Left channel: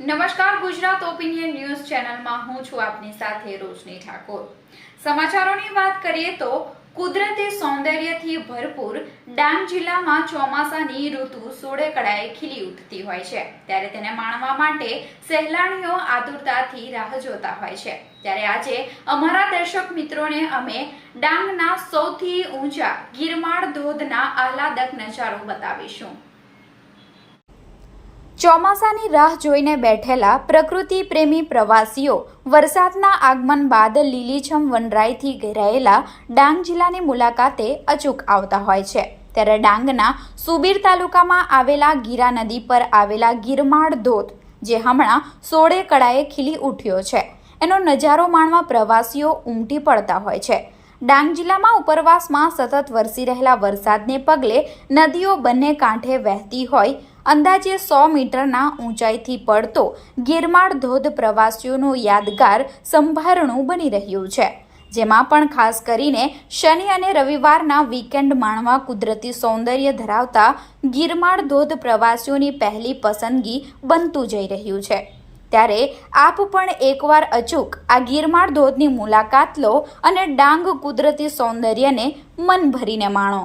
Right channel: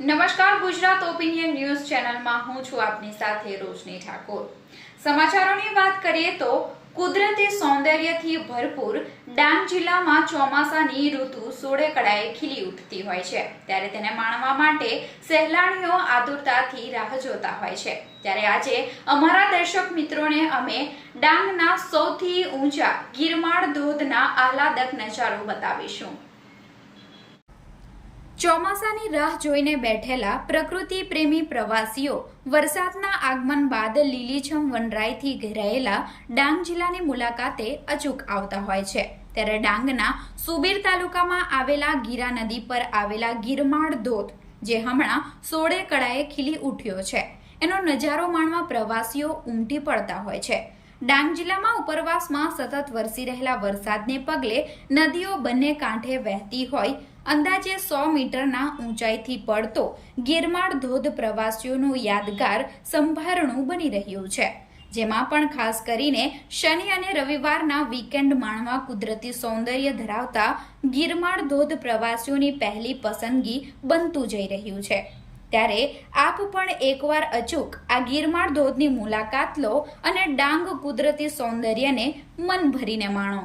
નમસ્કાર, Gujarat opinion news ચેનલમાં હું છું આપની સાથે રોશની ઠાકોર। સમાચારોની વાત કરીએ તો કુદરતી સૌંદર્યથી ભરપૂર ડાંગ જિલ્લામાં ચોમાસાની ઋતુ સોળે કળાએ ખીલી ઉઠતી હોય છે, ત્યારે તેને માણવા માટે સહેલાણીઓ આતુરતાથી રાહ જોતા હોય છે। ત્યારે આજે અમારા દર્શક મિત્રોને અમે ડાંગના સૌથી ઊંચા ગિરમાળ ધોધના આહલાદક નજારો બતાવીશું। ચોમાસાની રાહ જોઈને બેઠેલા પ્રકૃતિ પ્રેમી પ્રવાસીઓ વરસાદના આગમન બાદ લીલીછમ વનરાઈથી ઘેરાયેલા ડાંગ જિલ્લાની મુલાકાતે અચૂક આવતા હોય છે। ત્યારે ડાંગના સુબીર તાલુકામાં આવેલા ગીરા નદી પર આવેલા ગિરમાળ ધોધ, જે હમણાં સોળે કળાએ ખીલી ઉઠ્યો છે, એનો નજારો માણવા પ્રવાસીઓ ઉમટી પડતા હોય છે। ડાંગ જિલ્લામાં ઉપરવાસમાં સતત વરસી રહેલા વરસાદને પગલે નદીઓ બંને કાંઠે વહેતી હોય અંદાજે 100 મીટરના ઊંચાઈથી પડતો ગિરમાળ ધોધ પ્રવાસીઓનું યાદગાર સંભારણું બની રહ્યું છે, જેમાં પણ ખાસ કરીને શનિ અને રવિવારના વીકેન્ડ માણવા કુદરતી સૌંદર્ય ધરાવતા ગિરમાળ ધોધ પ્રવાસીઓની પહેલી પસંદગી બનતું જઈ રહ્યું છે। ત્યારે આપ પણ એકવાર અચૂક આ ગિરમાળ ધોધની મુલાકાત લો અને ડાંગ કુદરતી સૌંદર્યને મન ભરીને માણો।